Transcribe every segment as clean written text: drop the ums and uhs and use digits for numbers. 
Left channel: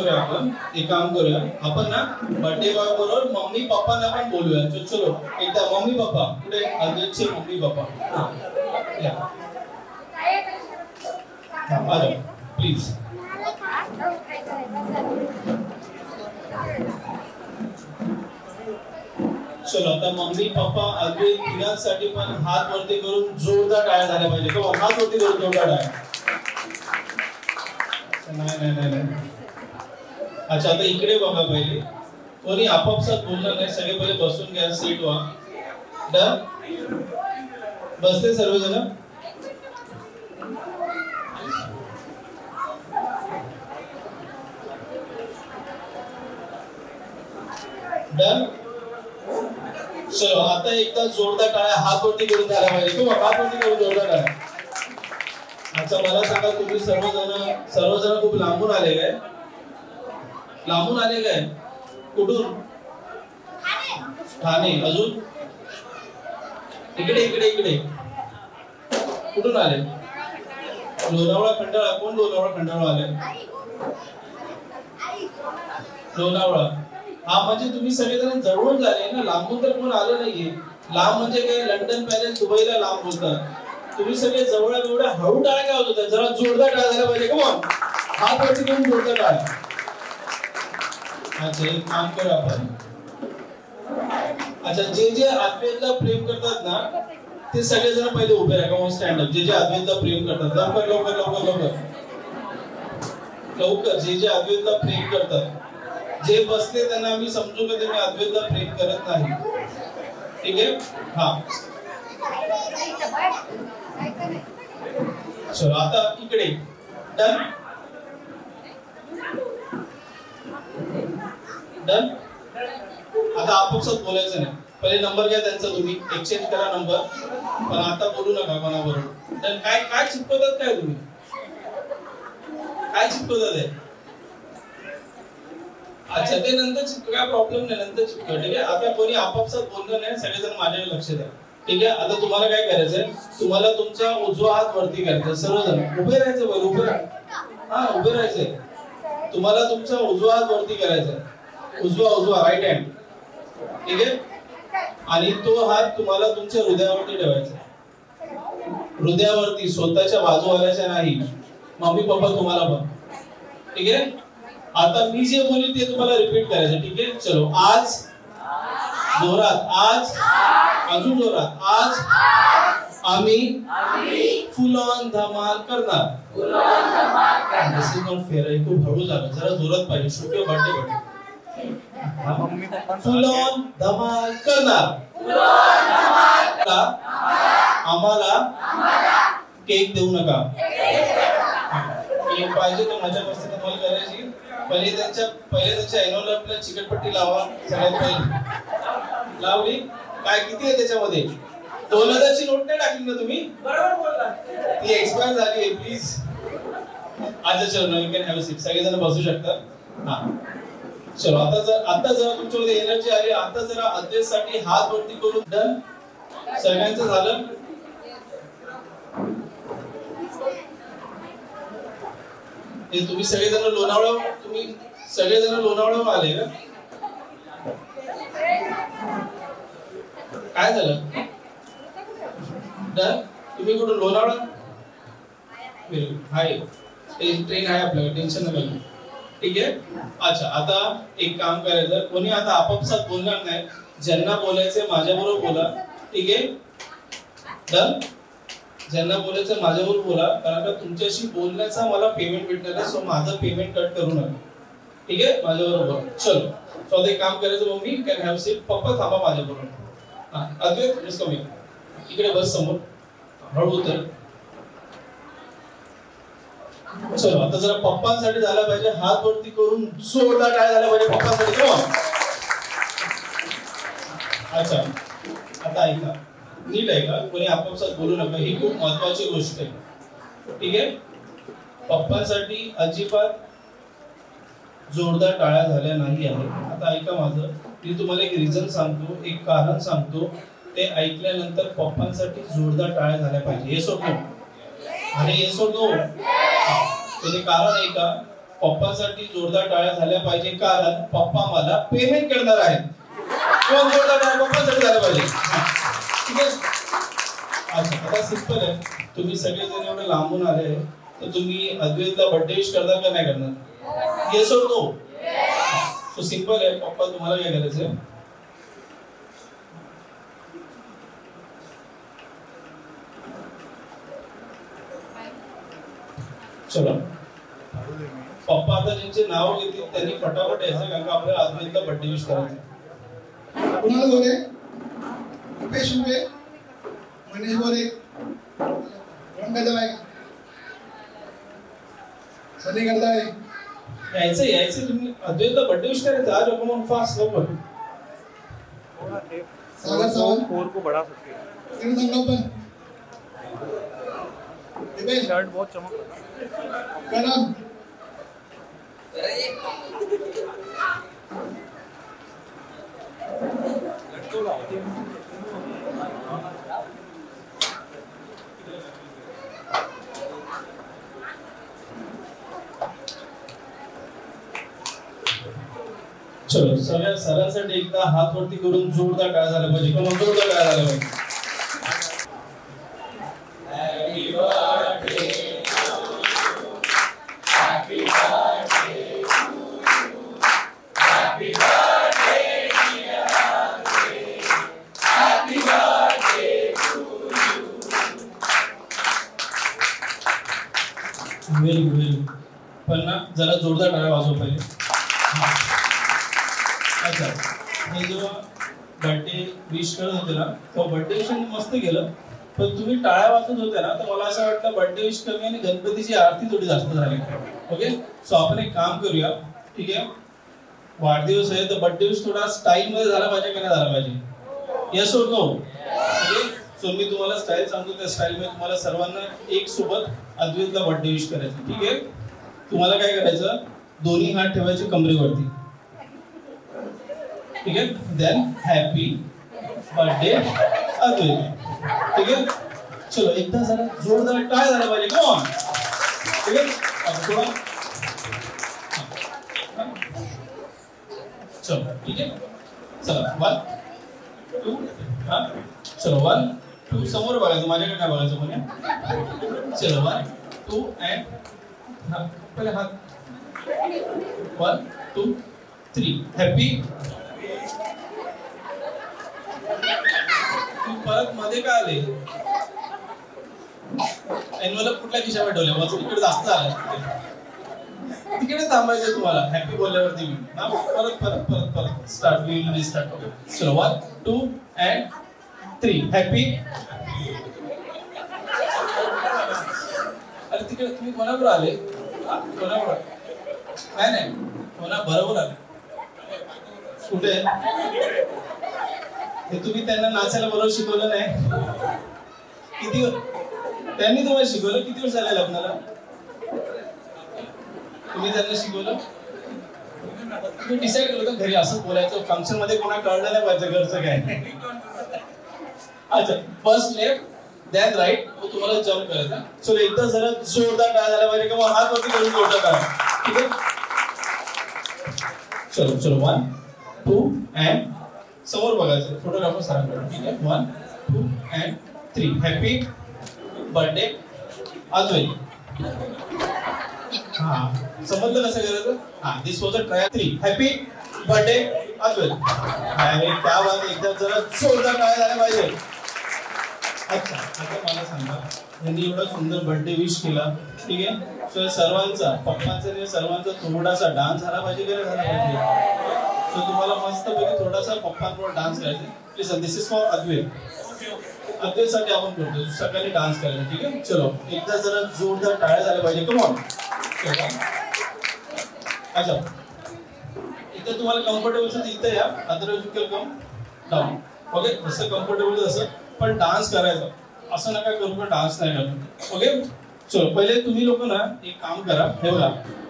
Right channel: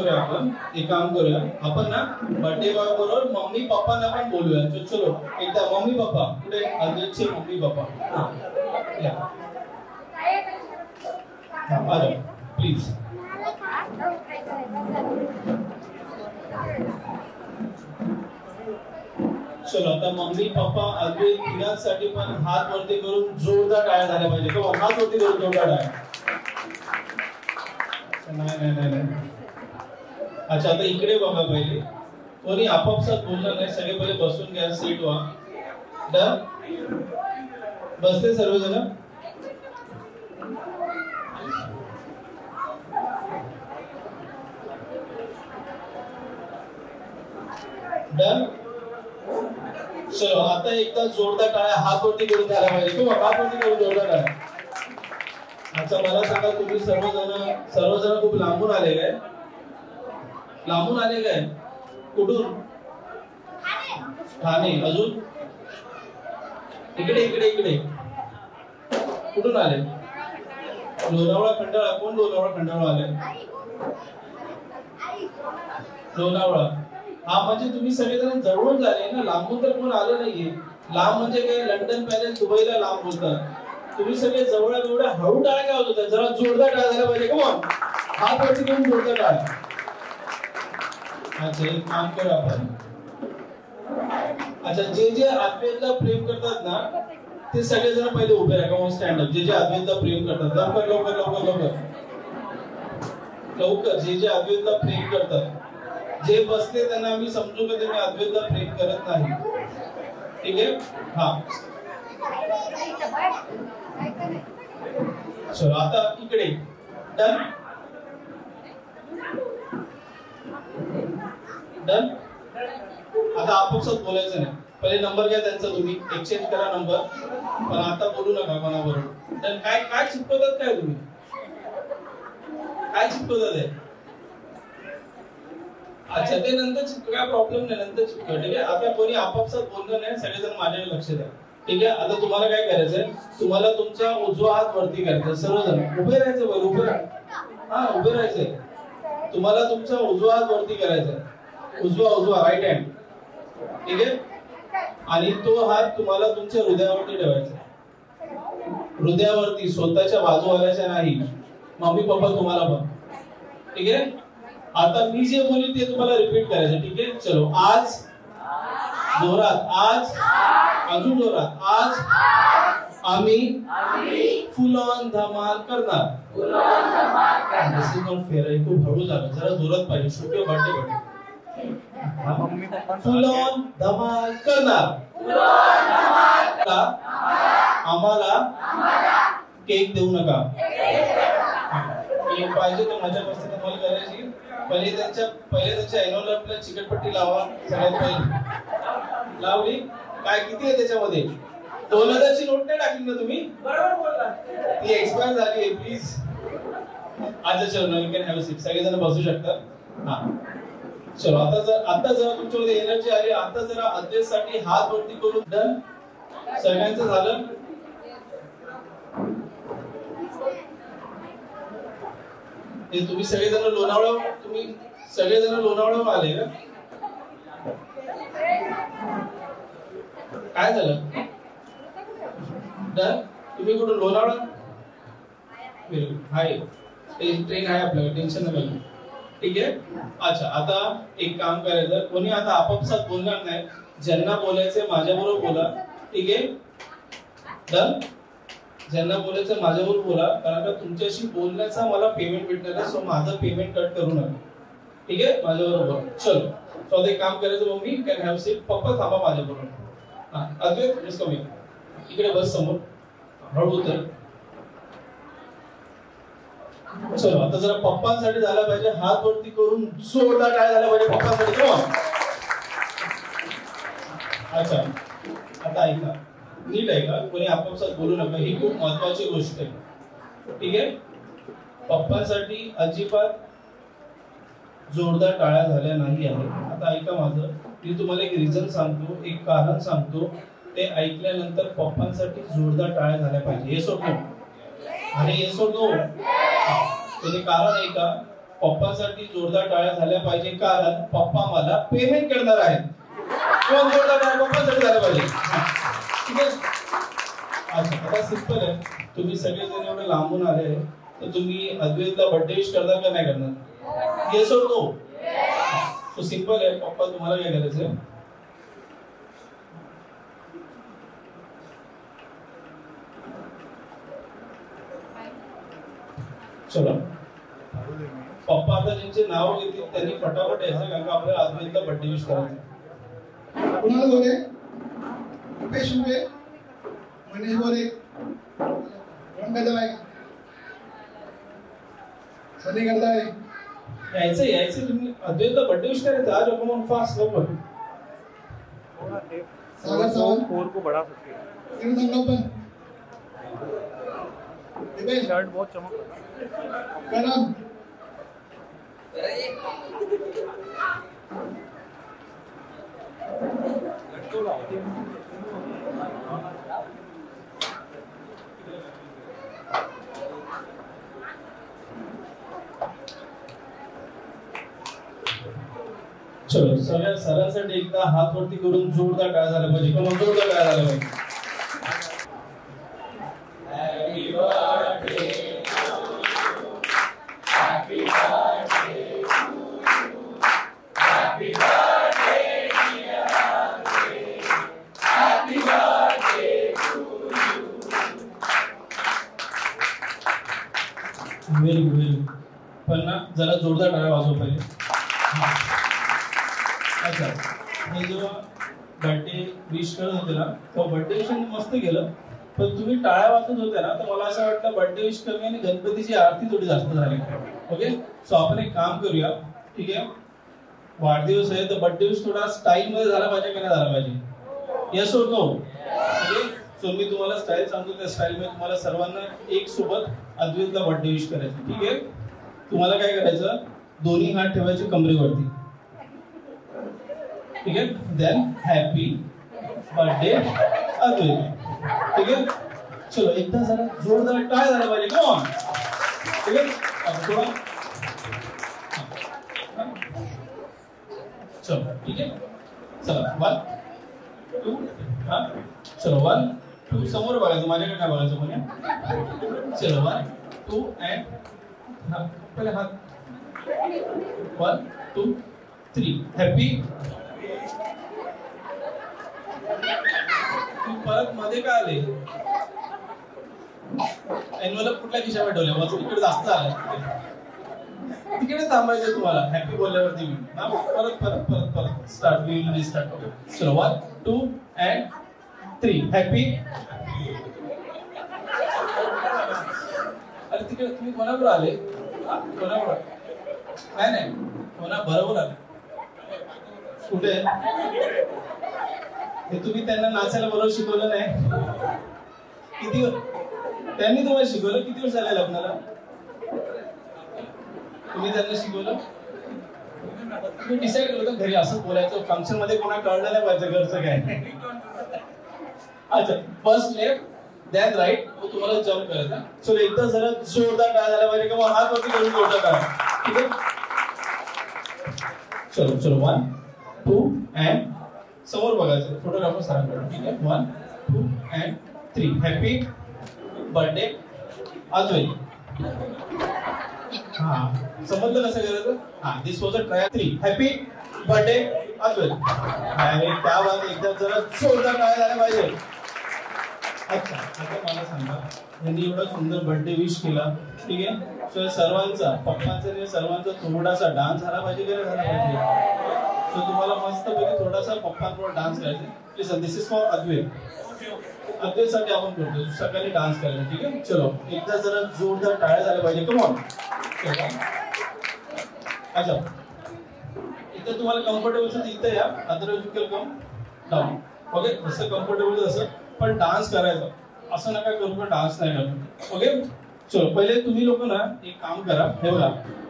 करूया आपण, एक काम करूया आपण ना, बर्थडे बॉय बरोबर मम्मी पप्पांना पण बोलूया. चलो एकदा मम्मी पप्पा पुढे, अद्वैतचे मम्मी पप्पा प्लीज. चलो आता मम्मी पप्पा अद्वैत तिघांसाठी पण हात वरती करून जोरदार टाळ्या झाल्या पाहिजे. तो हात वरती करून जोरदार टाळ्या. नाही. अच्छा आता इकडे बघा पहिले, कोणी आपापसात बोलणार नाही, सगळे पहिले बसून घ्या, सीट व्हा. डन, बसले सर्वजण. डन. चलो आता एकदा जोरदार टाळ्या हात वरती करून झाला पाहिजे. किंवा हात वरती करून जोरदार टाळ्या. अच्छा मला सांगा, तुम्ही सर्वजण खूप लांबून आले काय? लांबून आले काय? कुठून? ठाणे. अजून इकडे इकडे इकडे कुठून आले? लोणावळा खंडाळा. कोण लोणावळा खंडाळा आले? लोणावळा. हा म्हणजे तुम्ही सगळेजण जवळून झाले ना, लांबून तर कोण आलं नाहीये. लांब म्हणजे काय, लंडन पॅरिस दुबईला लांब बोलतात. तुम्ही सगळे जवळ एवढ्या हळू टाळ्या काय होत? जरा जोरदार टाळ्या झाल्या पाहिजे. कमॉन, हात वरती करून जोरदार टाळ्या. अच्छा एक काम करू आपण. अच्छा जे अद्वैतला प्रेम करतात ना, ते सगळेजण पहिले उभे राहा. Come on stand up. जे अद्वैतला प्रेम करतात, लवकर लवकर लवकर लवकर लवकर. जे अद्वैतला प्रेम करतात, जे बसले त्यांना मी समजू का तुम्ही अद्वैतला प्रेम करत नाही. ठीक आहे. हा चलो आता इकडे. डन. डन. आता आपापसात बोलायचं नाही, पहिले नंबर घ्या त्यांचा, तुम्ही एक्सचेंज करा नंबर, पण आता बोलू नका कोणाबरोबर. डन. काय चिपकवतात काय तुम्ही? काय चिपकवतात आहे? अच्छा ते नंतर चिपक, काय प्रॉब्लेम नाही, नंतर चिपकव. ठीक आहे. आता कोणी आपापसात बोलणं नाही, सगळेजण माझ्याकडे लक्ष द्या. ठीक आहे. आता तुम्हाला काय करायचंय, तुम्हाला तुमचा उजवा हात वरती करायचा. सर्वजण उभे राहायचं. बरं उभे राहा. उभे राहायचंय. तुम्हाला तुमचा उजवा हात वरती करायचा. उजवा राईट हँड. ठीक आहे. आणि तो हात तुम्हाला तुमच्या हृदयावरती ठेवायचा. हृदयावरती, स्वतःच्या बाजूवाल्याच्या नाही. मम्मी पप्पा तुम्हाला पण. ठीक आहे. आता मी जे बोलीन ते तुम्हाला रिपीट करायचं. ठीक आहे. चलो आज जोरात, आज अजून जोरात, आज आम्ही फुल ऑन धमाल करणार. दिस इज नॉट फेअर. खूप हळू झालं, जरा जोरात पाहिजे. शुक्र बर्थडे फुल ऑन धमाल करणार. आम्हाला केक देऊ नका. केक पाहिजे तर माझ्या मस्ती धमाल करायची. पहिले त्यांच्या एनोलपला चिकटपट्टी लावा. सगळ्यात पहिले लावली. काय किती आहे त्याच्यामध्ये? 2000ची नोट नाही टाकली ना तुम्ही? बरोबर बोलला. ती एक्सपायर झाली आहे. प्लीज आज चलो you can have a seat. सगळेजण बसू शकतात. हा चलो आता जरा तुमच्यामध्ये एनर्जी आली. आता जरा अद्वैतसाठी हात वरती करून. डन. सगळ्यांचं झालं. हे तुम्ही सगळेजण लोणावळ्याहून आले का? काय झालं? डन. तुम्ही कुठून? लोणावळा. हाय, ट्रेन आहे आपल्याकडे, टेन्शन नका घेऊ. ठीक आहे. अच्छा आता एक काम करायचं, कोणी आता आपापसात बोलणार नाही. ज्यांना बोलायचंय माझ्याबरोबर बोला. ठीक आहे. डन. ज्यांना बोलायचं माझ्याबरोबर बोला, कारण का तुमच्याशी बोलण्याचा मला पेमेंट भेटणार आहे. सो माझं पेमेंट कट करू नका. ठीक आहे. माझ्याबरोबर चलो. सो आता एक काम करायचं, मम्मी कॅन हॅव सीट. पप्पा थांबा माझ्याबरोबर. अद्वैत जस्ट कम इकडे बस समोर. हळू उतर. चलो आता जरा पप्पांसाठी झाला पाहिजे. हात वरती करून जोरदार काय झाला पाहिजे पप्पांसाठी. अच्छा आता ऐका, नीट ऐका. कोणी आपापसात बोलू नका. ही खूप महत्वाची गोष्ट आहे. ठीक आहे. पप्पांसाठी अजिबात जोरदार टाळ्या झाल्या नाही आहेत. आता ऐका माझं, मी तुम्हाला एक रिझन सांगतो, एक कारण सांगतो. ते ऐकल्यानंतर पप्पांसाठी जोरदार टाळ्या झाल्या पाहिजे. येस और नो? अरे येस और नो? त्याचे कारण आहे का, पप्पासाठी जोरदार टाळ्या झाल्या पाहिजे, कारण पप्पा मला पेमेंट करणार आहेत. कोण जोरदार टाळ्या पप्पासाठी झाल्या पाहिजे. ठीक आहे. अच्छा, आता सिंपल आहे. तुम्ही सगळेजण एवढे लांबून आले तर तुम्ही अद्वैतला बर्थडे विश करणार का नाही करणार? येस और नो? सो सिंपल आहे. पप्पा तुम्हाला काय करायचंय, चलो पप्पा आता ज्यांचे नाव घेतील त्यांनी फटाफट यायचं, कारण का आपल्याला अद्वैतला बर्थडे विश करायचं. कुणाल गोरे, रुपेश उबे, मनीष गोरे, सनी गरदाळे. यायचं तुम्ही अद्वैतला बर्थडे विश करायचं. आज आपण फास्ट लवकर. सागर सावंत स्कोर को बढ़ा सकते हैं. किरण संगोपन, दिपेश शर्ट बहुत चमक रहा है. करण, चलो सगळ्या सरांसाठी एकदा हात वरती करून जोरदार टाळ्या झाल्या पाहिजे. किंवा जोरदार टाळ्या झाल्या पाहिजे. Very good. पण ना जरा जोरदार टाळ्या वाजव पाहिजे. अच्छा, हे जेव्हा बर्थडे विश करत होते ना तेव्हा बर्थडे विश मस्त केलं, पण तुम्ही टाळ्या वाजत होते ना तर मला असं वाटलं बर्थडे विश कमी आणि गणपतीची आरती थोडी जास्त झाली. ओके, सो आपण एक काम करूया. ठीक आहे, वाढदिवस आहे तर बर्थडे विश थोडा स्टाईल मध्ये झाला पाहिजे का नाही झाला पाहिजे? येस और नो? सो मी तुम्हाला स्टाईल सांगतो, त्या स्टाईल मध्ये तुम्हाला सर्वांना एक सोबत अद्वैतला बर्थडे विश करायचं. ठीक आहे, तुम्हाला काय करायचं, दोन्ही हात ठेवायचे कमरेवरती. ठीक आहे, देन हॅपी बर्थडे अद्वैत. ठीक आहे, चलो एकदा जरा जोरदार टाळ्या झाला पाहिजे. Come on. ठीक आहे, थोडा चलो. ठीक आहे, चला 1 2 हा, चलो 1 2 समोर बघायचं, माझ्याकडे काय बघायचं कोणी. चलो 1 2 अँड हा पहिले हात 1 2 3 हॅपी. परत मध्ये काय आले, एनवलप कुठल्या खिशामध्ये ठेवले, बस इकडे जास्त आलं, तिकडे थांबायचं तुम्हाला हॅपी बोलल्यावरती. परत परत परत परत स्टार्ट, वी विल रिस्टार्ट. चलो 1 2 अँड 3 हॅपी. अरे तिकडे तुम्ही कोणाबरोबर आले? कोणाबरोबर? नाही कोणा बरोबर आले? कुठे? हे तुम्ही त्यांना नाचायला बरोबर शिकवलं नाही? किती त्यांनी तुम्हाला शिकवलं? किती वर्ष झाले लग्नाला? तुम्ही त्यांना शिकवलं? तुम्ही डिसाईड केलं होतं घरी असं बोलायचं, फंक्शन मध्ये कोणा कळलं नाही पाहिजे घरचं काय. अच्छा, फर्स्ट लेफ्ट देन राईट, तुम्हाला जम्प करायचा. सो एकदा जरा जोरदार काय झाला पाहिजे किंवा हात वरती करून जोरदार करा. ठीक आहे, चलो चलो 1 2 अँड समोर बघायचं, फोटोग्राफर सरांकडे. ठीक आहे, 1 2 अँड 3 हॅपी बर्थडे अद्वैत. हा, समजलं कसं करायचं? हा, this was a try. 3 happy birthday Advait. अरे त्या बात, एकदा जरा जोरदार काय झाला पाहिजे. अच्छा, आता मला सांगा, यांनी एवढा सुंदर बर्थडे विश केला. ठीक आहे, सो सर्वांचा, पप्पांचा आणि सर्वांचा थोडासा डान्स झाला पाहिजे की नाही झाला पाहिजे? सो तुम्हाला मस्त पैकी थोडासा पप्पांबरोबर डान्स करायचा. प्लीज, दिस इज फॉर अद्वैत. अद्वैतसाठी आपण करतो सकाळी डान्स करायचा. ठीक आहे, चलो एकदा जरा जोरदार टाळ्या झाल्या पाहिजे. Come on. अच्छा, इथं तुम्हाला कम्फर्टेबल असेल इथं या, otherwise you can come down. Okay, जसं कम्फर्टेबल तसं, पण डान्स करायचा. असं नका करू पण डान्स नाही करत. ओके, चलो पहिले तुम्ही लोक ना एक काम करा, हे बघा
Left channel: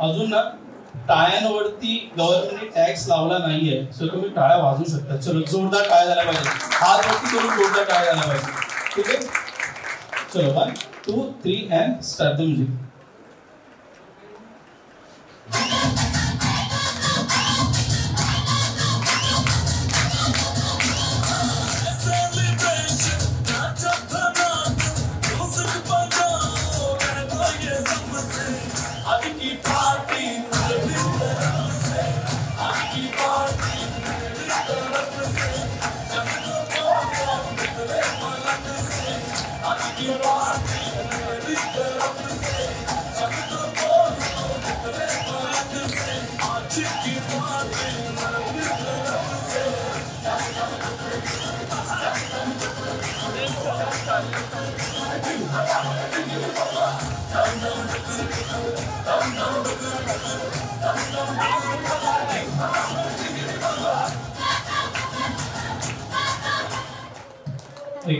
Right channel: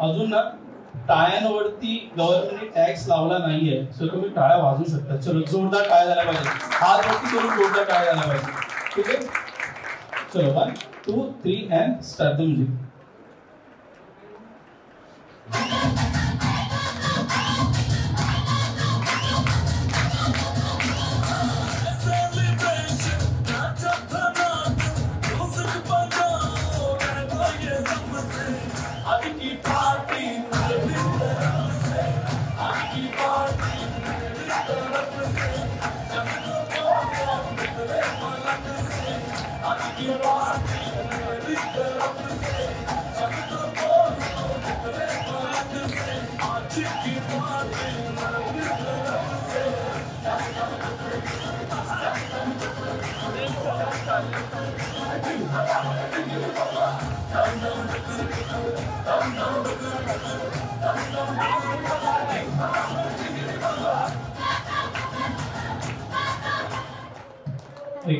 अजून ना टाळ्यांवरती गव्हर्नमेंटने टॅक्स लावला नाहीये, सो तुम्ही टाळ्या वाजवू शकता. चलो जोरदार टाळ्या झाल्या पाहिजे, हात वरती करून जोरदार टाळ्या झाल्या पाहिजे. ठीक आहे, चलो 1 2 3 अँड स्टार्ट द म्युझिक.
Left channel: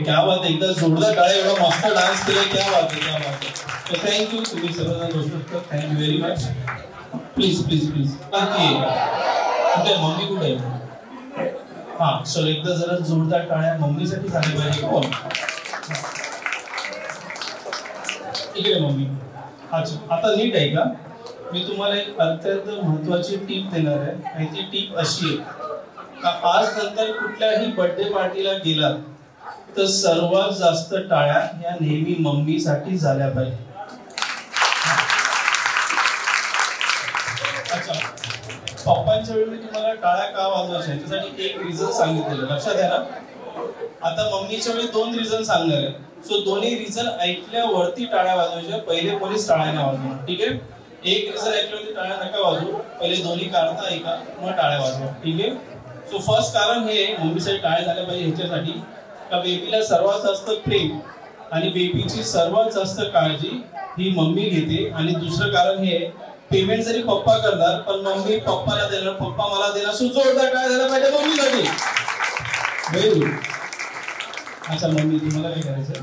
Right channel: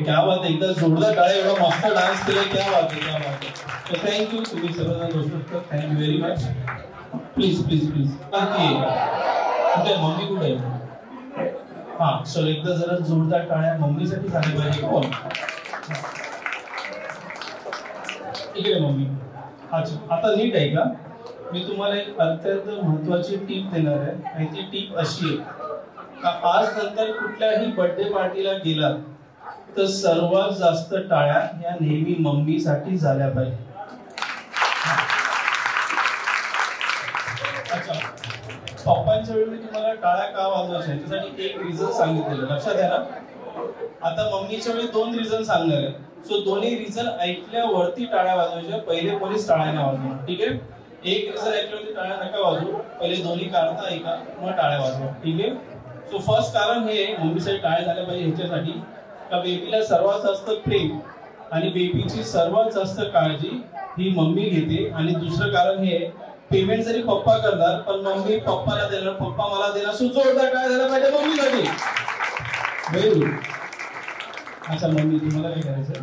क्या बात आहे, एकदा जोरदार टाळ्या, एवढा मस्त डान्स केलाय, क्या बात आहे, क्या बात आहे. तर थँक्यू, तुम्ही सर्वजण बसू शकता. Thank you very much. Please please please. कुठे मम्मी कुठे आहे? हा चलो, एकदा जरा जोरदार टाळ्या मम्मीसाठी झाली पाहिजे. कोण इकडे मम्मी? अच्छा, आता नीट आहे का? मी तुम्हाला एक अत्यंत महत्वाची टीप देणार आहे आणि ती टीप अशी आहे का आज नंतर कुठल्याही बर्थडे पार्टीला गेलात तर सर्वात जास्त टाळ्या या नेहमी मम्मीसाठी झाल्या पाहिजे. अच्छा, पप्पांच्या वेळी मी तुम्हाला टाळ्या का वाजवायच्या त्यासाठी एक रिझन सांगितलेलं, लक्षात आहे ना? आता मम्मीच्या वेळी 2 रिझन सांगणार आहे. सो दोन्ही रिझन ऐकल्यावरती टाळ्या वाजवायच्या. पहिले कोणीच टाळ्या नाही वाजवणार, ठीक आहे? एक रिझन ऐकल्यावरती टाळ्या नका वाजवू, पहिले दोन्ही कारण ऐका मग टाळ्या वाजवा, ठीक आहे? सो फर्स्ट कारण हे मम्मीसाठी टाळ्या झाल्या पाहिजे ह्याच्यासाठी का बेबीला सर्वात जास्त प्रेम आणि बेबीची सर्वात जास्त काळजी ही मम्मी घेते. आणि दुसरं कारण हे पेमेंट जरी पप्पा करणार पण मम्मी पप्पाला देणार, पप्पा मला देणार. सो जोरदार टाळ्या झाल्या पाहिजे मम्मीसाठी. Very good. अच्छा मम्मी, तुम्हाला काय करायचं?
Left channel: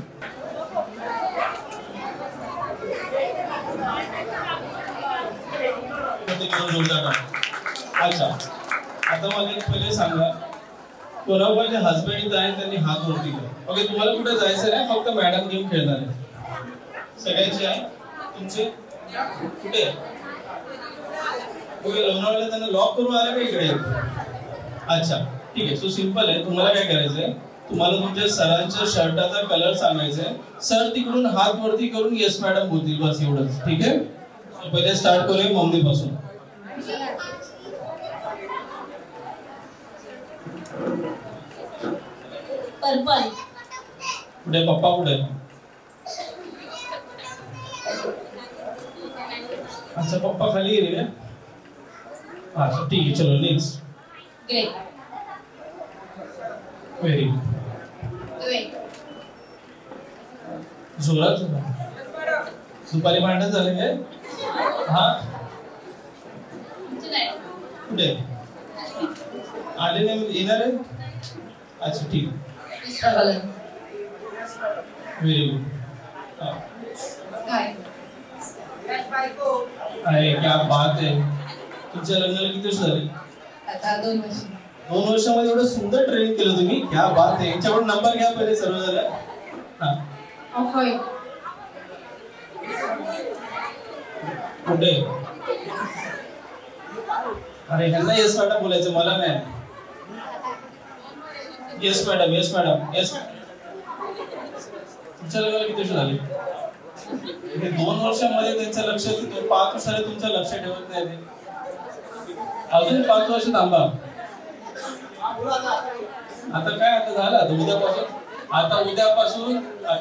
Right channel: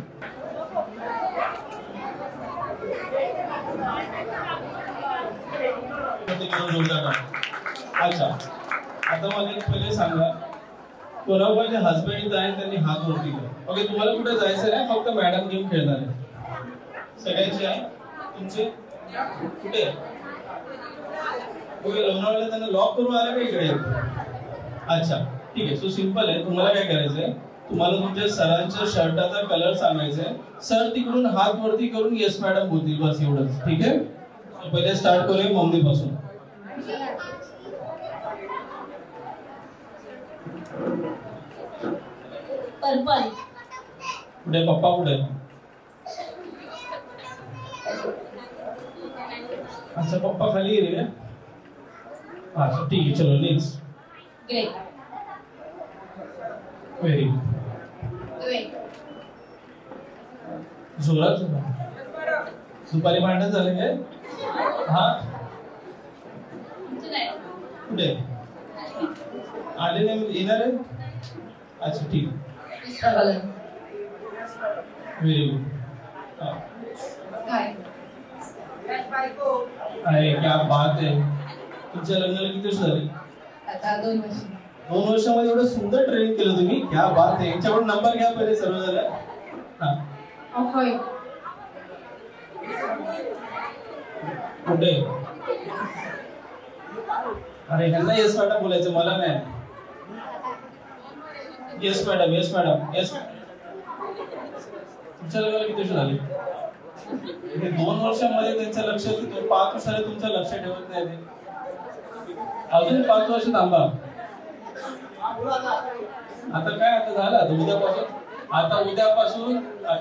अच्छा, आता मला एक पहिले सांगा, कोणाकोणाचे हसबंड इथं आहे त्यांनी हात वरती करा. ओके, तुम्हाला कुठे जायचं नाही, फक्त मॅडम गेम खेळणार आहे. सगळ्यांचे आहे तुमचे कुठे? ओके, लोणावळ्याला त्यांना लॉक करून आले का इकडे? अच्छा ठीक आहे. सो सिंपल आहे, तुम्हाला काय करायचंय, तुम्हाला तुमच्या सरांच्या शर्टाचा कलर सांगायचा आहे. सर तिकडून हात वरती करून येस मॅडम बोलतील, बस एवढंच, ठीक आहे? पहिले स्टार्ट करूया मम्मी पासून. पर्पल. कुठे पप्पा कुठे? अच्छा पप्पा खाली गेले का? अच्छा ठीक आहे, चलो नेक्स्ट. ग्रे. Very good. जोरात दुपारी भांडण झाले काय? हा कुठे आले नाही, येणार आहे? अच्छा ठीक. Very good. अरे क्या बात आहे. तुमच्या लग्नाला किती वर्ष झाले? आता 2 वर्ष. 2 वर्षामध्ये एवढं सुंदर ट्रेन केलं तुम्ही, क्या बात आहे. यांच्याकडून नंबर घ्या पहिले सर्व झाला. हा कुठे? अरे ह्यांना येस मॅडम बोलायचं, मला नाही. Yes madam, yes madam, yes. तुमच्या लग्नाला किती वर्ष झाली? 2 वर्षामध्ये त्यांचं लक्ष, 5 वर्षाला तुमचं लक्ष ठेवत नाही ते. अजून 5 वर्ष थांबा. आता काय, आता झालं, आता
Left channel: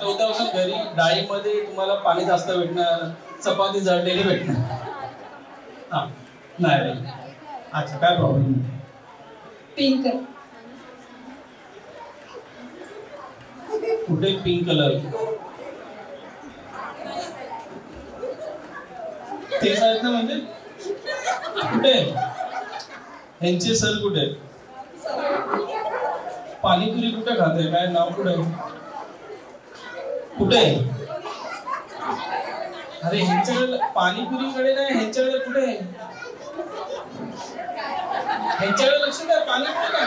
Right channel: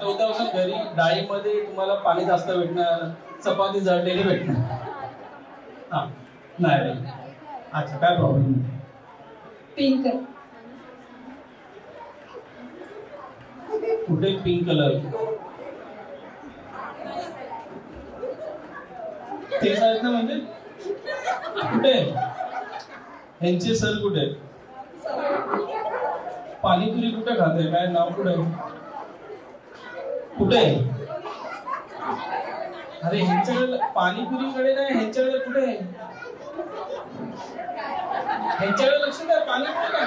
उद्यापासून घरी डाळीमध्ये तुम्हाला पाणी जास्त भेटणार, चपाती जळलेली भेटणार. हा नाही. अच्छा काय प्रॉब्लेम? पिंक. कुठे पिंक कलर? ते आहेत ना, म्हणजे कुठे यांचे सर कुठे? पाणीपुरी कुठे खाते, काय नाव कुठे? कुठे? अरे ह्यांच्याकडे पाणीपुरीकडे नाही, ह्यांच्याकडे कुठे? ह्यांच्याकडे लक्ष द्या, पाणीपुरी का?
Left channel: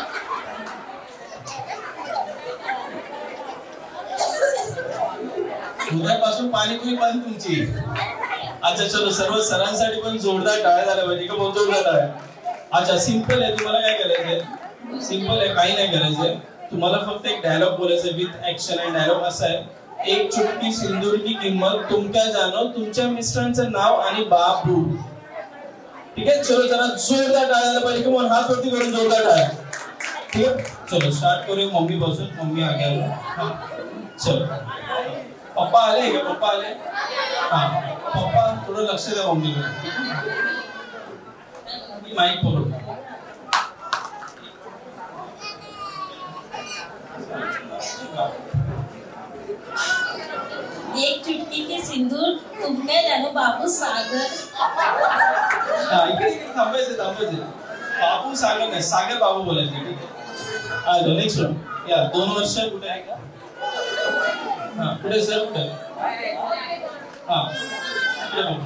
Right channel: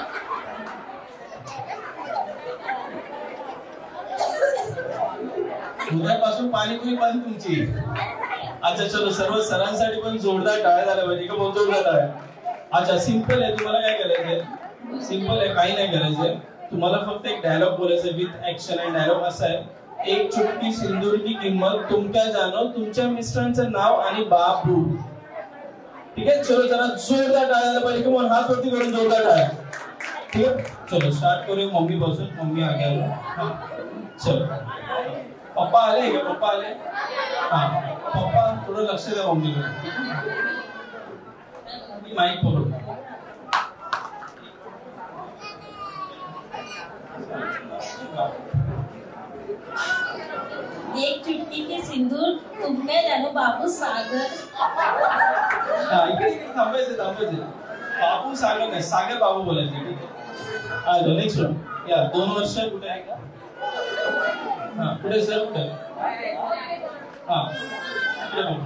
उद्यापासून पाणीपुरी बंद तुमची. अच्छा चलो, सर्व सरांसाठी पण जोरदार टाळ्या झाल्या पाहिजे का? बहुत जोरदार टाळ्या. अच्छा सिंपल आहे, तुम्हाला काय करायचंय? सिंपल आहे, काही नाही करायचंय. तुम्हाला फक्त एक डायलॉग बोलायचं विथ ऍक्शन. आणि डायलॉग असा आहे, एक चुटकी सिंदूर की किंमत तुम क्या जानो, तुमच्या मिस्टरांचं नाव आणि बाबू. ठीक आहे, चलो जरा जोरदार टाळ्या झाल्या पाहिजे किंवा हात वरती करून जोरदार टाळ्या. ठीक आहे, चलो स्टार्ट करूया मम्मी पासून. मम्मी आगे चलो. पप्पा आले का? पप्पा आले? हा पप्पा थोडं लक्ष द्या मम्मीकडे. माईक पकडू. एक चुटकी के सिंदूर तुम क्या जानो बाबू सागर. हा इकडे थांबायचं. बाबू सागर नाही, सागर बाबू बोलायचं. ठीक आहे. Next one. या 2 वर्ष कुठे आहे का? हा कुठे सर कुठे? हा इकडे बघू.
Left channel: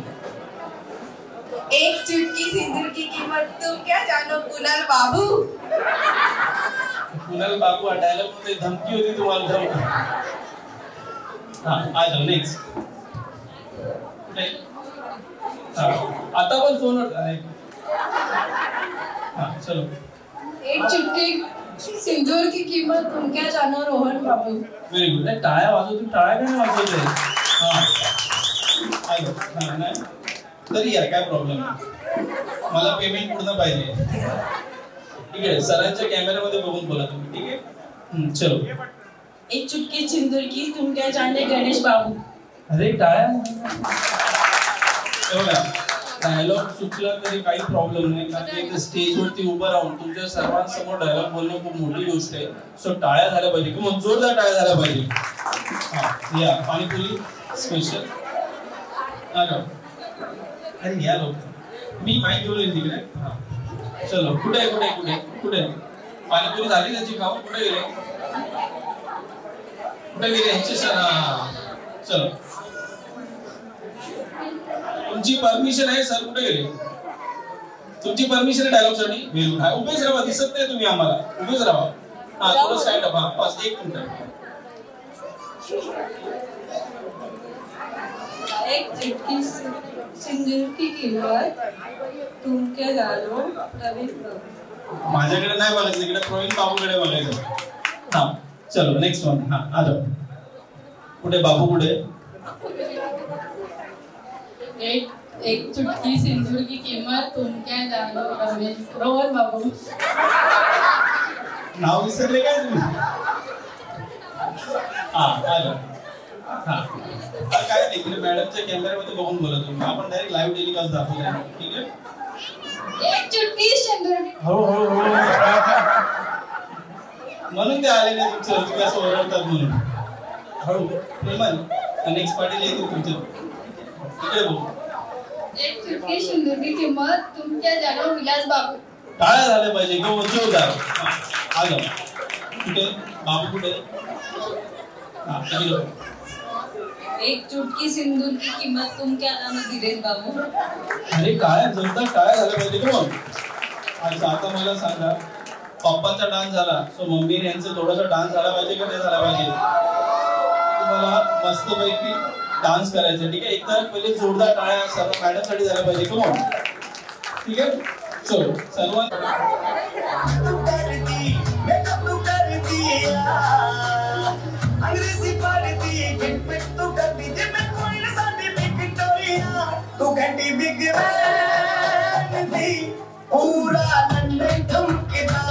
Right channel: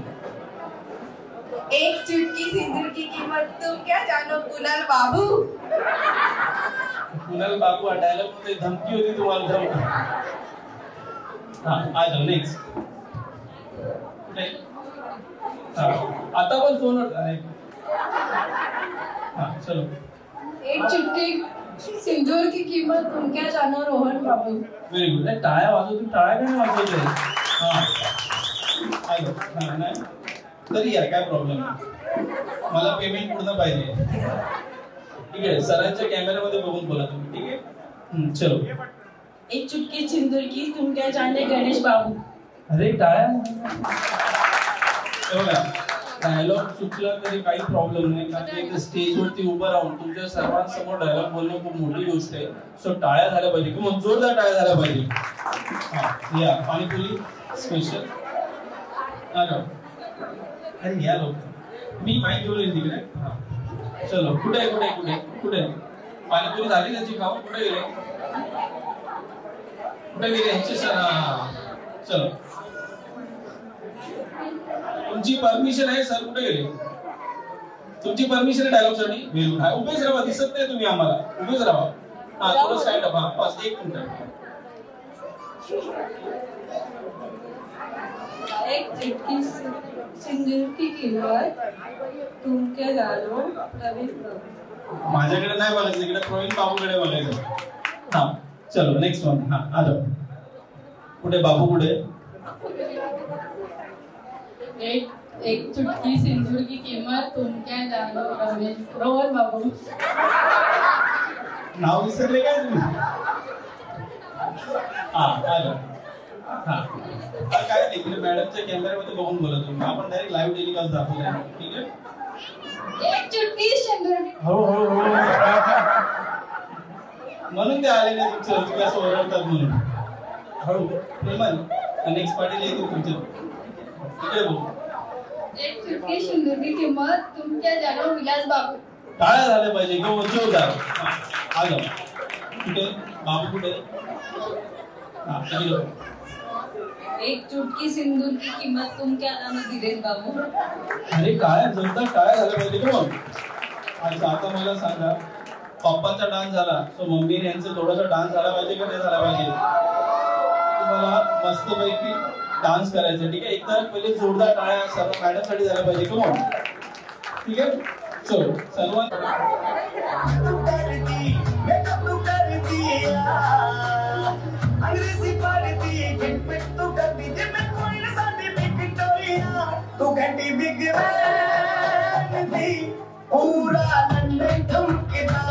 एक चुटकी सिंदूर की कीमत तुम क्या जानो कुणाल बाबू. कुणाल बाबू हटायला पण धमकी होती तुम्हाला. हा आ जाओ नेक्स्ट. आता पण फोनवर. हा चलो. एक चुटकी सिंदूर की कीमत तुम क्या जानो रोहन बाबू. Very good. टाळ्या वाजवतो. टाळ्या काय वाजवते? हा आलो. नाही तरी या काय प्रॉब्लेम नाही. मला पेमेंट पूर्ण पाहिजे. ठीक आहे. सरांच्या कॅमेऱ्यामध्ये बघून बोला तुम्ही. ठीक आहे. चलो. एक चुटकी सिंदूर की तुम क्या जाने गणेश बाबू. अरे टाळ्या. बघा डायलॉग चुकला तरी काही प्रॉब्लेम नाही, कारण की स्टेजवरती उभं राहून तुमच्या सर्वांसमोर डायलॉग बोलणं खूप मोठी गोष्ट आहे. सो टाळ्या झाल्या पाहिजे किंवा जोरदार टाळ्या झाल्या पाहिजे. हा या पाणीपुरी स्पेशल. अरे या लोक मी माहिती बोलेन तिकडे. हा चलो. कुठे पाणीपुरी झाली त्याची खाऊ. कुठे गेले यांचे सर? हा चलो. तुमची परमिशन आहे सर? कुठे गेले? तुमची परमिशन आहे डायलॉग साठी? उभेच राहा. दिसत नाही तुम्ही आम्हाला. उभेच राहा. हा थोडं स्टँड अप. हा बस 1 मिनिट. एक चुटकी सिंदूर की कीमत तुम क्या जानो प्रवीण बाबू. माझ्याकडे नाही बघायचं, इकडे प्रवीण बाबूकडे बघायचं. हा चलो नेक्स्ट वन. हा आ जाओ. कुठे बाबू कुठे? एक चुटकी सिंदूर की कीमत तुम क्या जानो रोहन बाबू. नाव विसरले काय तुम्ही? हा आ जाओ. हा काय नाही, मॅडमच्या कॅमेऱ्यामध्ये बघून बोला तुम्ही. आपण डायरेक्ट लाईव्ह टेलिकास्ट दाखवूया. ठीक आहे. एक चुटकी सिंदूर. हो म्हणून ते आले नाही तुमचं. तुम्ही असं ओरडतात म्हणून. हळू प्रेमान. नेक्स्ट पार्टीला येतो तुमच्या. तिकडे बोल. एक चुटकी सिंदूर की कीमत तुम क्या जानो विलास बाबू. टाळ्या झाल्या पाहिजे किंवा जोरदार. आ जाओ. कुठे बाबू कुठे? हा इकडे. एक चुटकी सिंदूर की कीमत तुम क्या जानो धीरेन बाबू. अरे काय जोरदार टाळ्या झाल्या पाहिजे का मग? अच्छा आता मला सांगा, पप्पाचा डान्स झाला, सो मम्मीने यांचा थोडासा डान्स झाला पाहिजे का नाही झाला पाहिजे? तुम्हाला मस्तपैकी डान्स करायचा. ठीक आहे. एकदा पहिले जोरदार टाळ्या सर्व मॅडमसाठी झाल्या पाहिजे का मग? ठीक आहे. चलो सर्वात पूरा लंदन ठुमकदा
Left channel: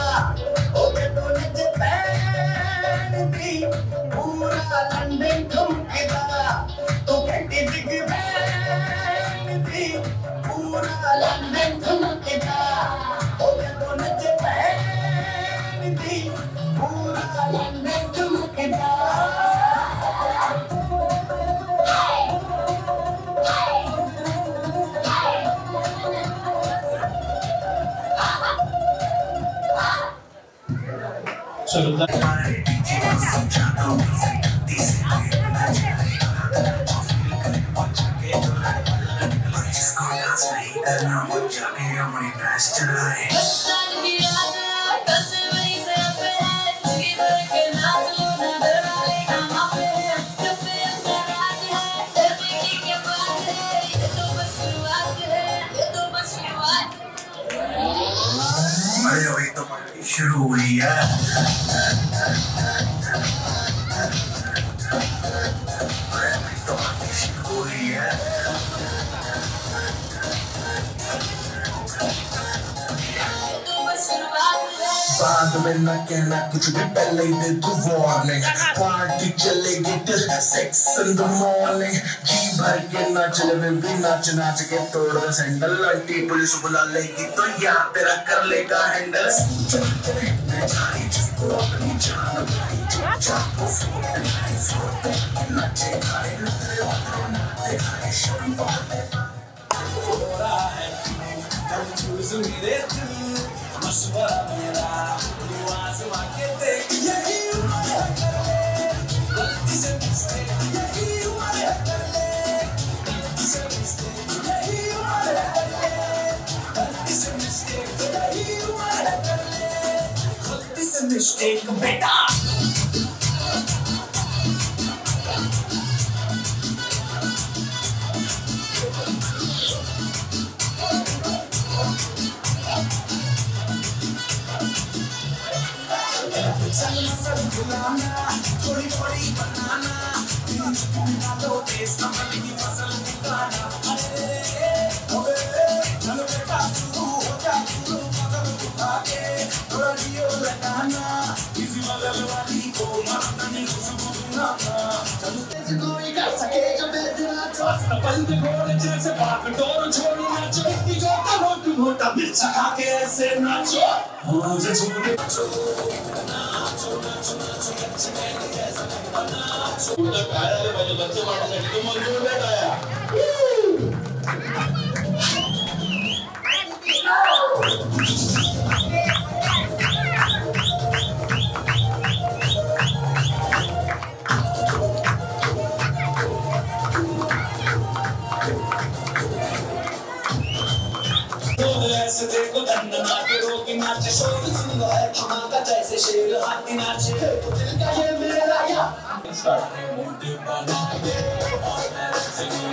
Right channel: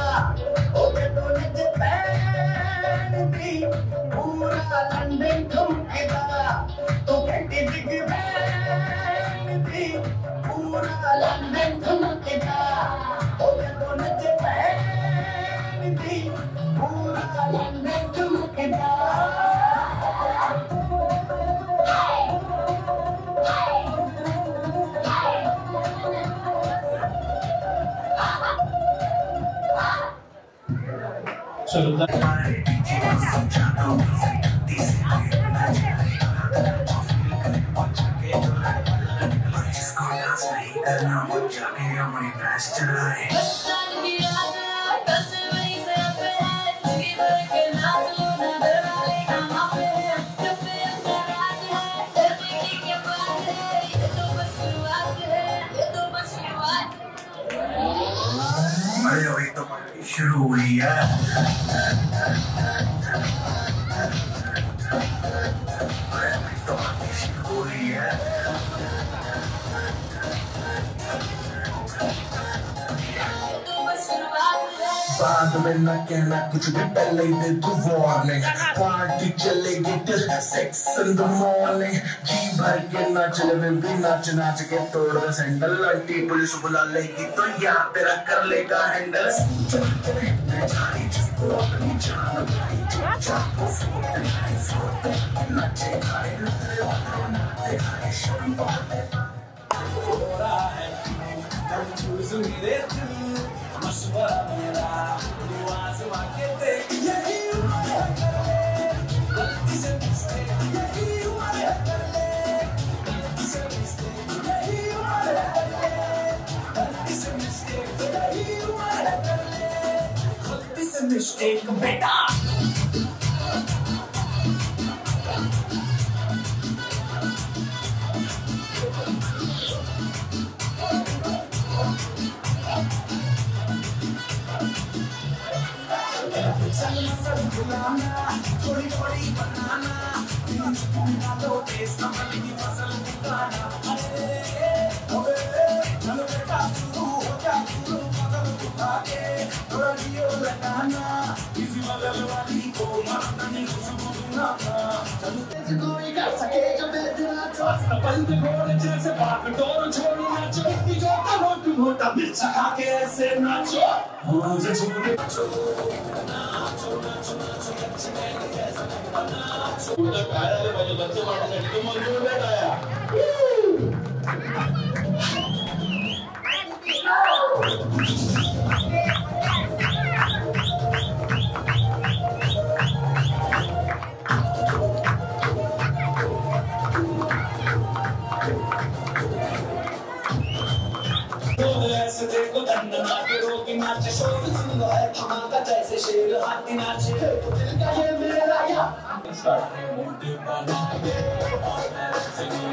ओके तो नच पैन थी पूरा लंदन ठुमकदा तो कहती बिग बैन थी पूरा लंदन ठुमकदा ओके तो नच पैन थी पूरा लंदन ठुमकदा. चलो शुरू हुई है. बाद में न कहना कुछ भी, पहले ही दे तू वार्निंग। पार्टी चलेगी till 6 in the morning। जी भर के नाच ले बेबी, नाच नाच के तोड़ दे सैंडल। आंटी पुलिस बुला लेगी तो यार तेरा कर लेगा हैंडल। मैं जारी जिसको अपनी जान भाई, चाको फोड़ नाचे खाए नाचे खाए शर्म पाते। मेरे मशवरा मेरा आजमा के देख, यही उम्र है गलती से मिस्टेक, यही उम्र है गलती से मिस्टेक, यही उम्र है गलती से मिस्टेक, यही उम्र है गलती से मिस्टेक बेटा। थोड़ी थोड़ी बनाना, तो टेस्ट कमल की फसल दिखाना। चलो बेटा शुरू हो जा, शुरू कदम उठा के थोड़ा रियो लगाना। किसी बगल वाली को मरने खुशबू सुनाना। चलो कैसे कोई कर सके जो बेदना तो बंद घोड़े जैसे भाग डोर छोड़ी नाचो। इतनी गोता रोट मोटा मिर्चा खा के ऐसे नाचो, मुझे छोड़े काय झालं पाहिजे बच्चे पाठीसाठी, तू मंजूर नाही काय ऐसे देखो दंडना के रोकी नाचे, शोर सुंदर है धमाका जैसे शेर हाथी नाचे। तो दिल का ये मेरा या मुझे बना दे और मेरे जिंदगी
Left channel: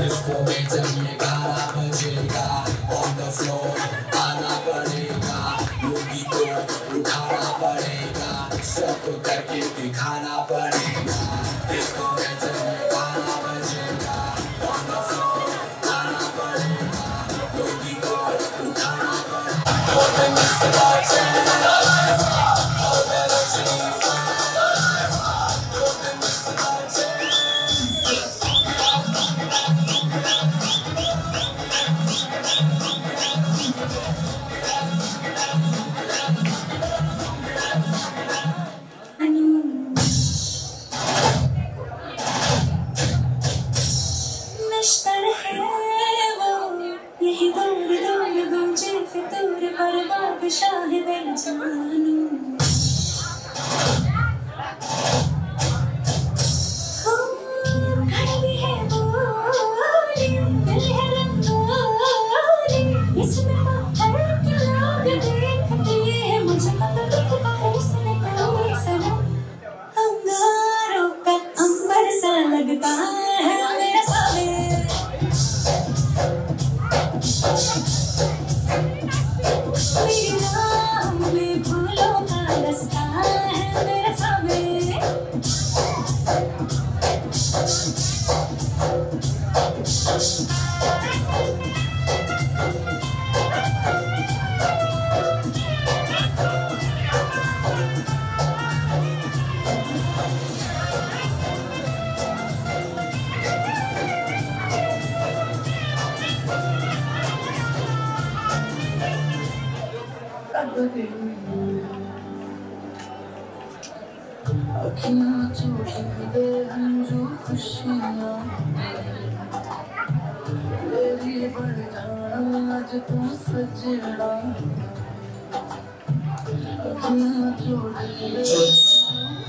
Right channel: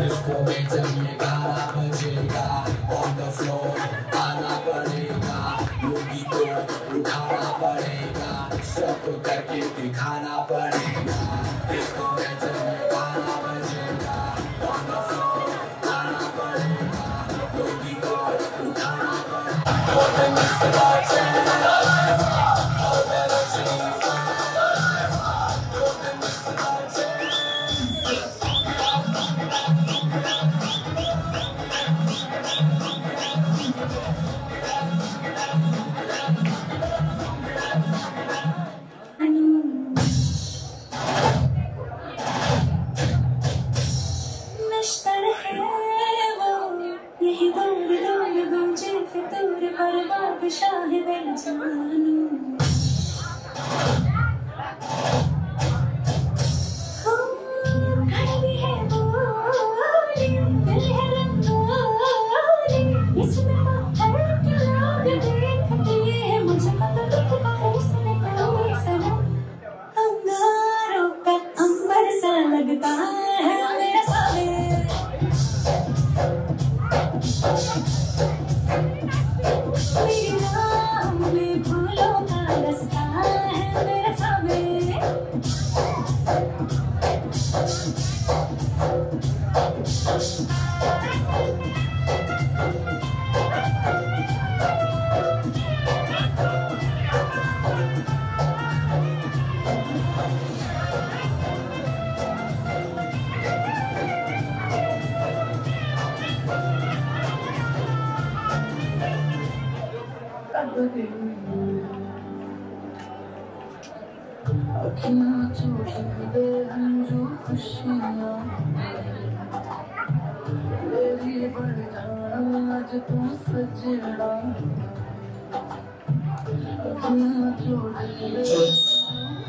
इसको में जब ये गाना बजेगा on the floor आना पड़ेगा, योगी को उठाना पड़ेगा, सब करके दिखाना पड़ेगा। इसको में जब ये गाना बजेगा on the floor आना पड़ेगा, योगी को उठाना पड़ेगा।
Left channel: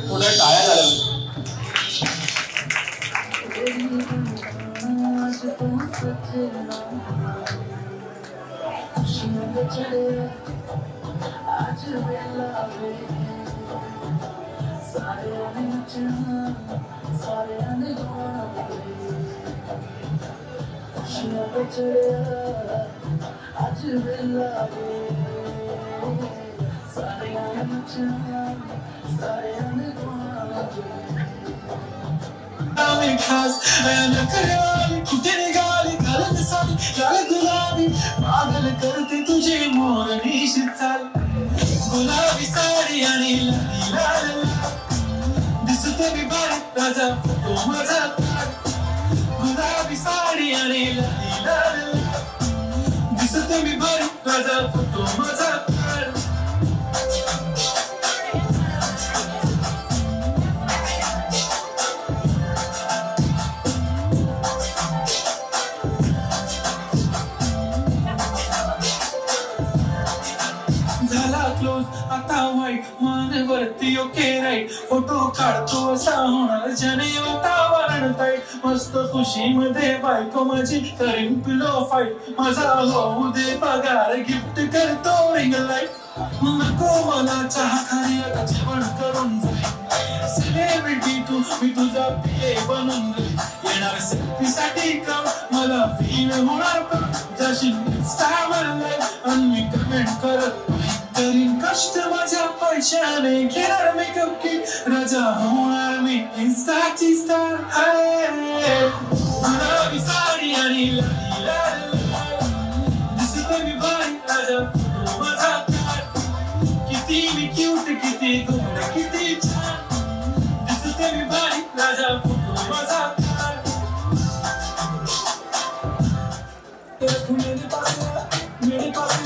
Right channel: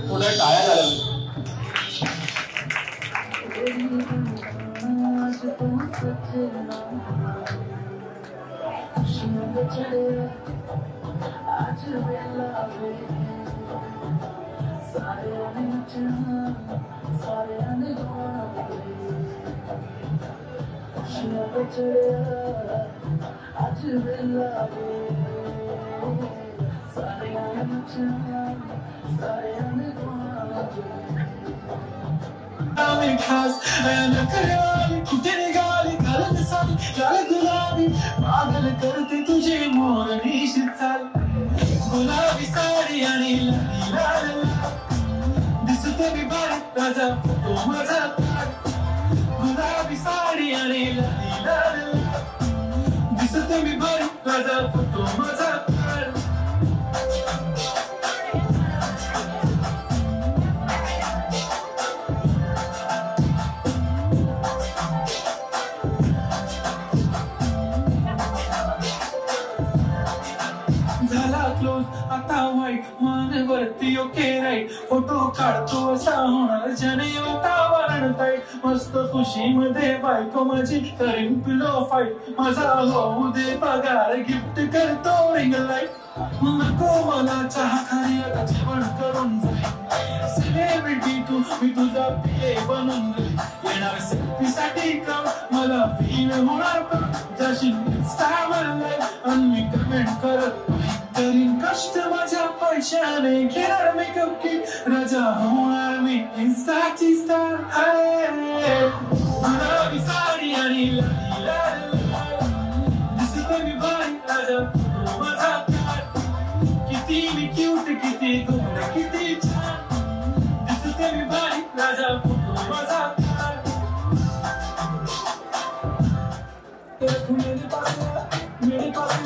पुढे टाळ्या झाल्या पागल करते तुझे मोरणीशी चाल गुलाबी साडी आणि लाल दिसते मी बारीक ताजा फोटो माझा काढ गुलाबी साडी आणि लाल दिसते मी बारीक ताजा फोटो माझा काढ आता वाईट मानवरती ओके राईट फोटो काढतो असा होणार जने वातावरण ताईट मस्त खुशीमध्ये बायको माझी करीन पिलो फाईट माझा होऊ दे पगार गिफ्ट करतो रिंग लाईट नको मला चहा खाली आता जेवण करून जाईल सेलिब्रिटी तू मी तुझा पिये बनून जाईल येणार सेल्फीसाठी काम मला फील होणार पण जशी इंस्टावर लाईव्ह आणि मी कमेंट करत करीन कष्ट माझ्या पैशाने घेणार मेकअप किट राजा होणार मी इंस्टाची स्टार गुलाबी साडी आणि लाल दिसते मी बारीक राजा फोटो माझा काढ किती मी क्यूट किती गोड किती छान दिसते मी बारीक राजा फोटो माझा काढ मेरे पास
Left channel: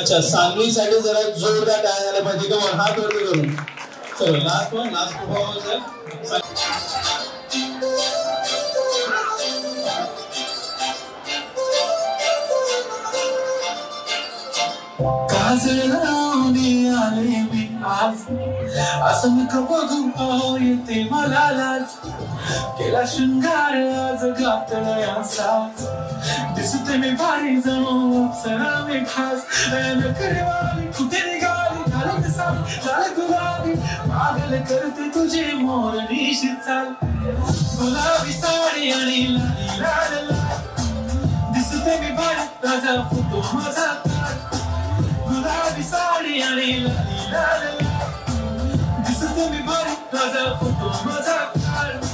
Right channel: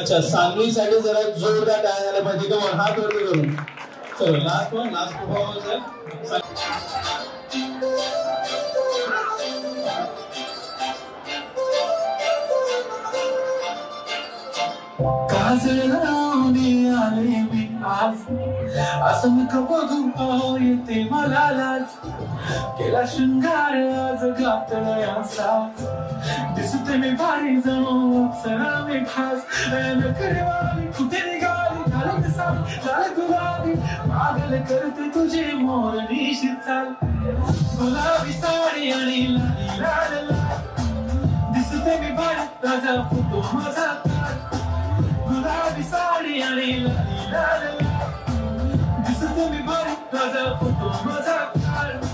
अच्छा सांगलीसाठी जरा जोरदार टाळ्या झाल्या पाहिजे का हात वरती करून चलो लास्ट परफॉर्मन्स आहे असं मी बघू येते मला लाज केला शृंगार आज घातला साथ दिसते मी भारी जणू अप्सरा मी खास नखरेवाली कुठे निघाली घालत साडी लाल गुलाबी पागल करते तुझे मोरणीशी चाल गुलाबी साडी आणि लाल दिसते मी भारी ताजा फोटो माझा काढ गुलाबी साडी आणि लाल दिसते मी भारी ताजा फोटो माझा काढ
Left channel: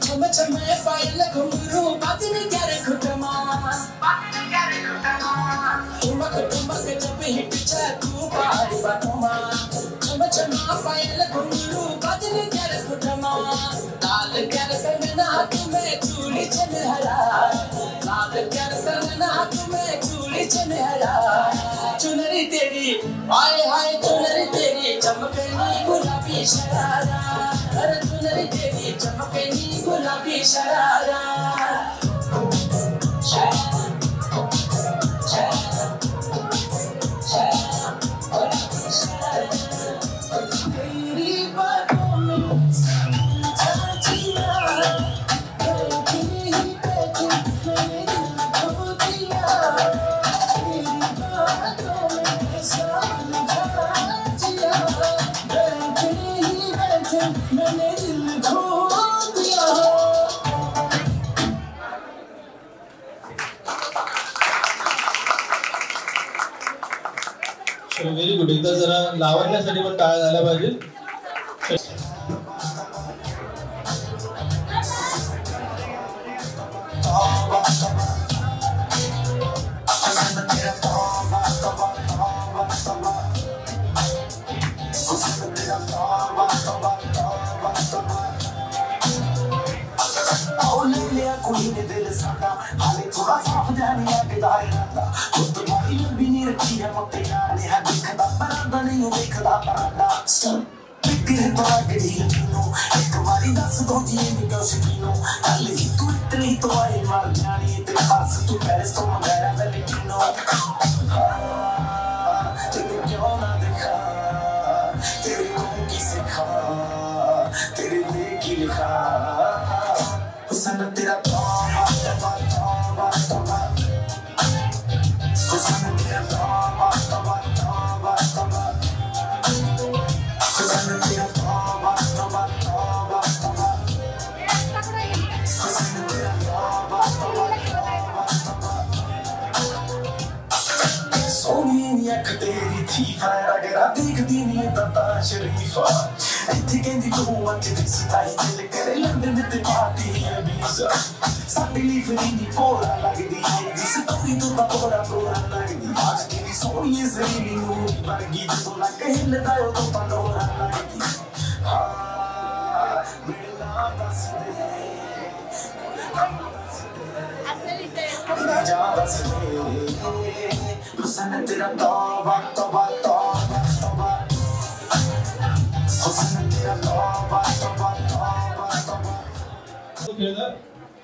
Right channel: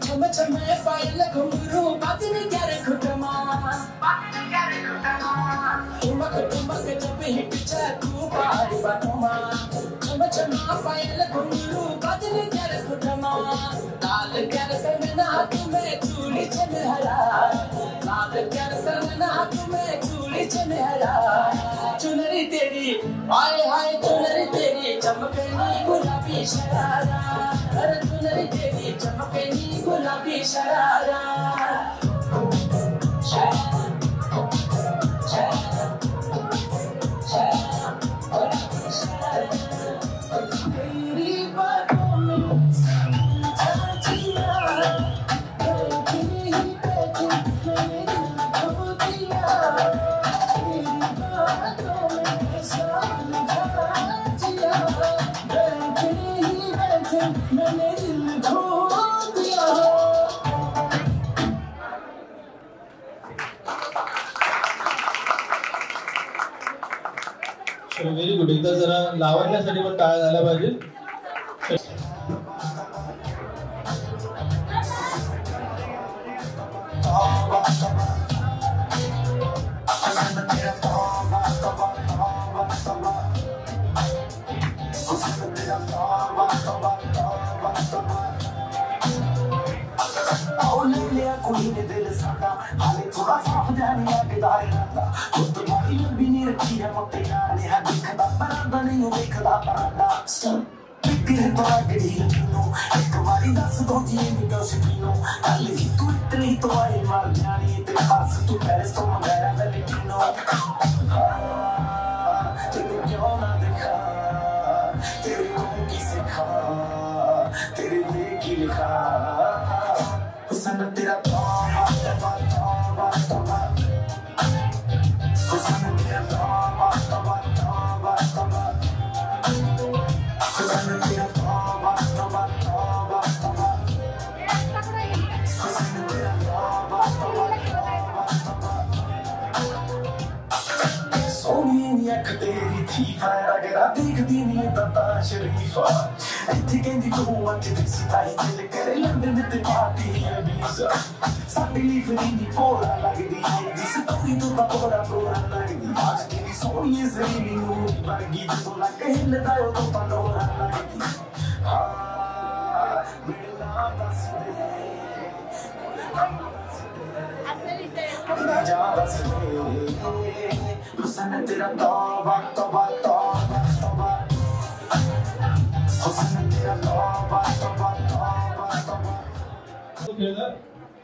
Chama, chama, pai. चमकनी गुलाबी शरारा अरे दुल्हन तेरी चमकनी गुलाबी शरारा व्हेरी गुड. एकदा जरा लावण्यासाठी पण टाळ्या झाल्या पाहिजे.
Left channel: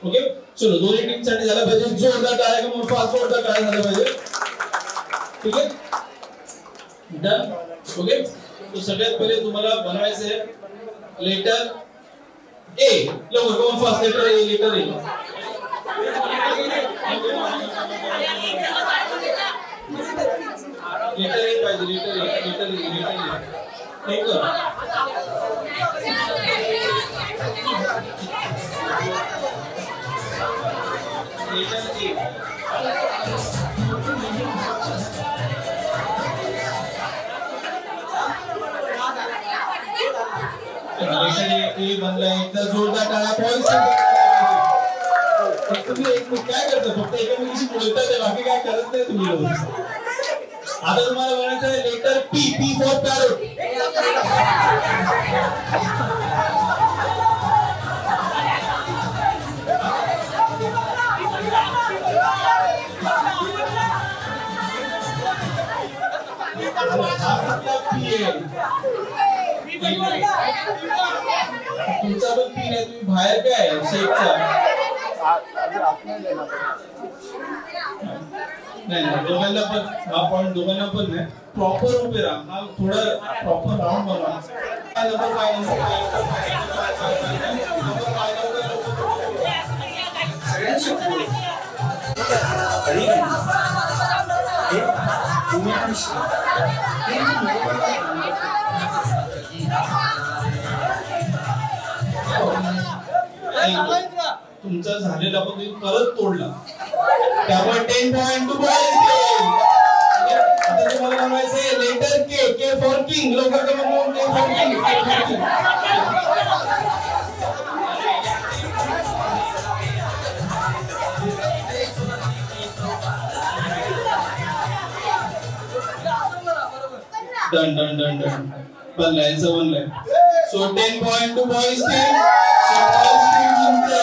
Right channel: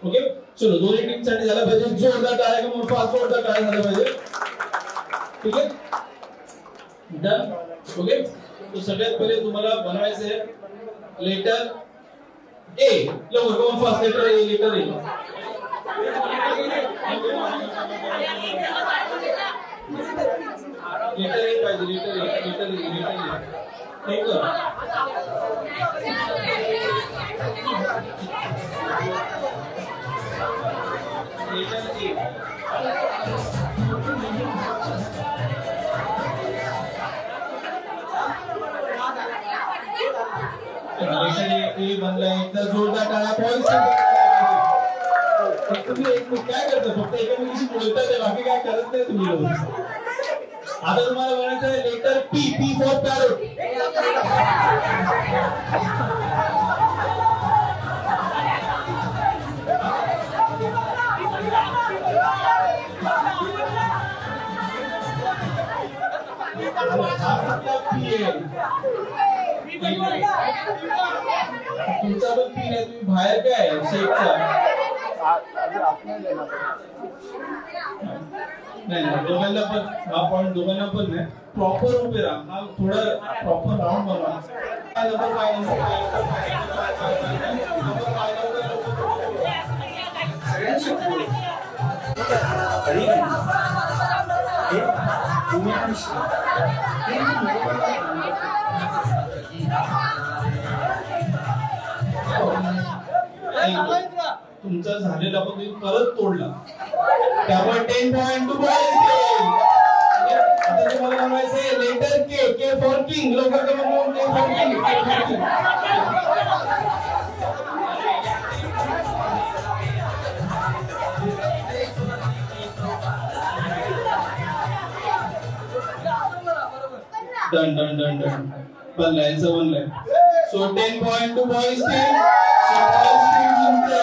ओके चलो दोन्ही टीम साठी झाला पाहिजे. जोरदार टाळ्या का मग फास्ट जोरदार टाळ्या झाल्या पाहिजे. ठीक आहे डन. ओके तो सगळ्यात पहिले तुम्हाला बनवायचं आहे लेटर ए. लवकर come fast letter A. Letter A letter A पाहिजे. Letter A letter A letter A ठीक आहे. एकदा जोरदार टाळ्या तुम्ही काय करता फक्त एकमेकीशी बोलतात बाकी काय करत नाही तुम्ही. आता तुम्हाला म्हणायचं आहे letter P. P for parrot. तुमचा पण पी नाही. तुम्ही बाहेर काय शेपचा नाही नाही. दोघांना पण हा पॉईंट दोघांना पण नाही. प्रॉपर उभे राहा. हा थोडा प्रॉपर राऊंड बनवा. तुमचा झालेला पण तुम्ही परत तोडला त्यामुळे 10 पॉइंट टू बॉयज. आता तुम्हाला म्हणायचं letter K. K for king. लवकर के म्हणून K for king. Done done done done. बनलाय. So 10 point two boys team. So boys team जिंकते.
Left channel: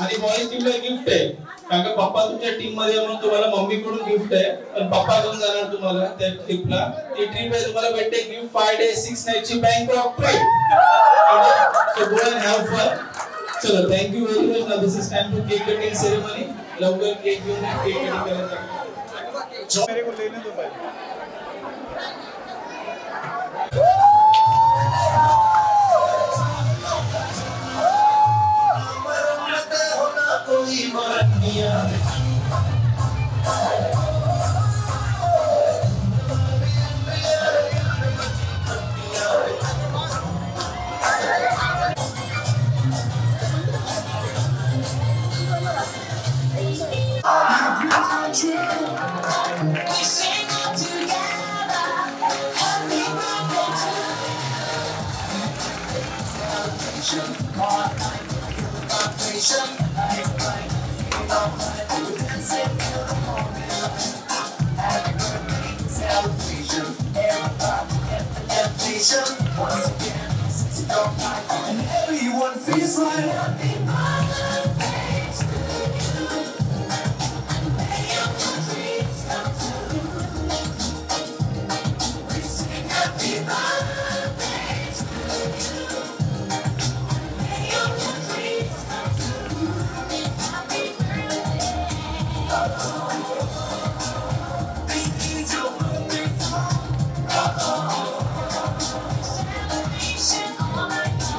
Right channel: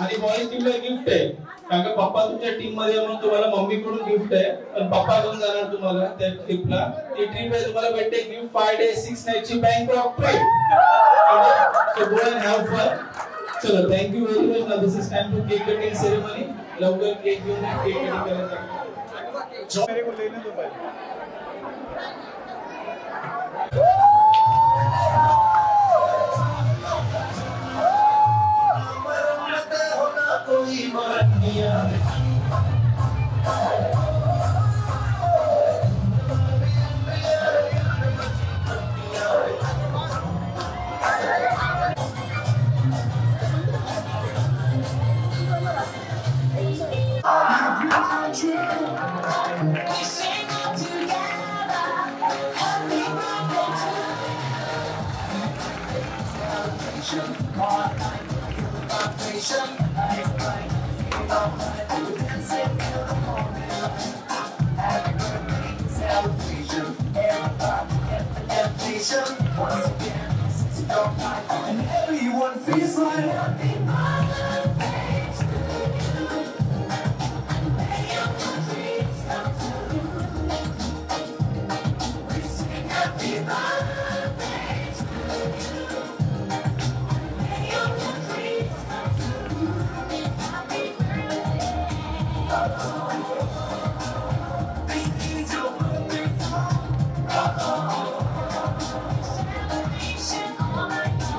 आणि बॉईज टीमला गिफ्ट आहे, कारण का पप्पा तुमच्या टीम मध्ये म्हणून तुम्हाला मम्मीकडून गिफ्ट आहे, पण पप्पा घेऊन जाणार तुम्हाला त्या ट्रिपला. ती ट्रिप आहे तुम्हाला भेटते गिफ्ट 5 days 6 nights ची Bangkok trip. So go and have fun. चलो thank you very much. Now this is time to cake cutting ceremony. लवकर केक घेऊन केक कटिंग करायचं. मेरे को लेने दो भाई.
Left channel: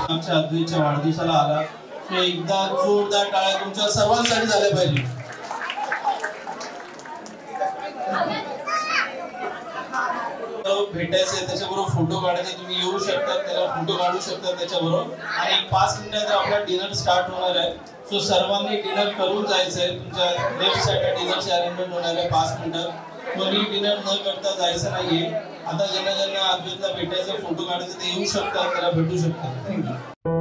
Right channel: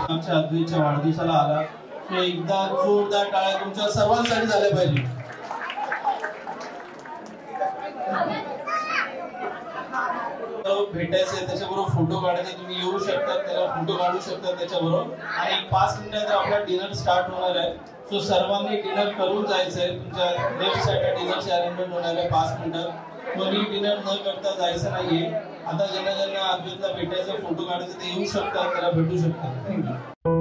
आमच्या अद्वैतच्या वाढदिवसाला आला, सो एकदा जोरदार टाळ्या तुमच्या सर्वांसाठी झाल्या पाहिजे. भेटायचंय त्याच्याबरोबर फोटो काढायचे, तुम्ही येऊ शकता, त्याला फोटो काढू शकता त्याच्याबरोबर. आणि 5 मिनिटात आपला डिनर स्टार्ट होणार आहे. सो सर्वांनी डिनर करून जायचंय. तुमच्या लेफ्ट साईडला डिनरची अरेंजमेंट होणार आहे 5 मिनिटात. कोणी डिनर न करता जायचं नाहीये. आता ज्यांना अद्वैतला भेटायचं फोटो काढायचं ते येऊ शकतात, त्याला भेटू शकतात. थँक्यू.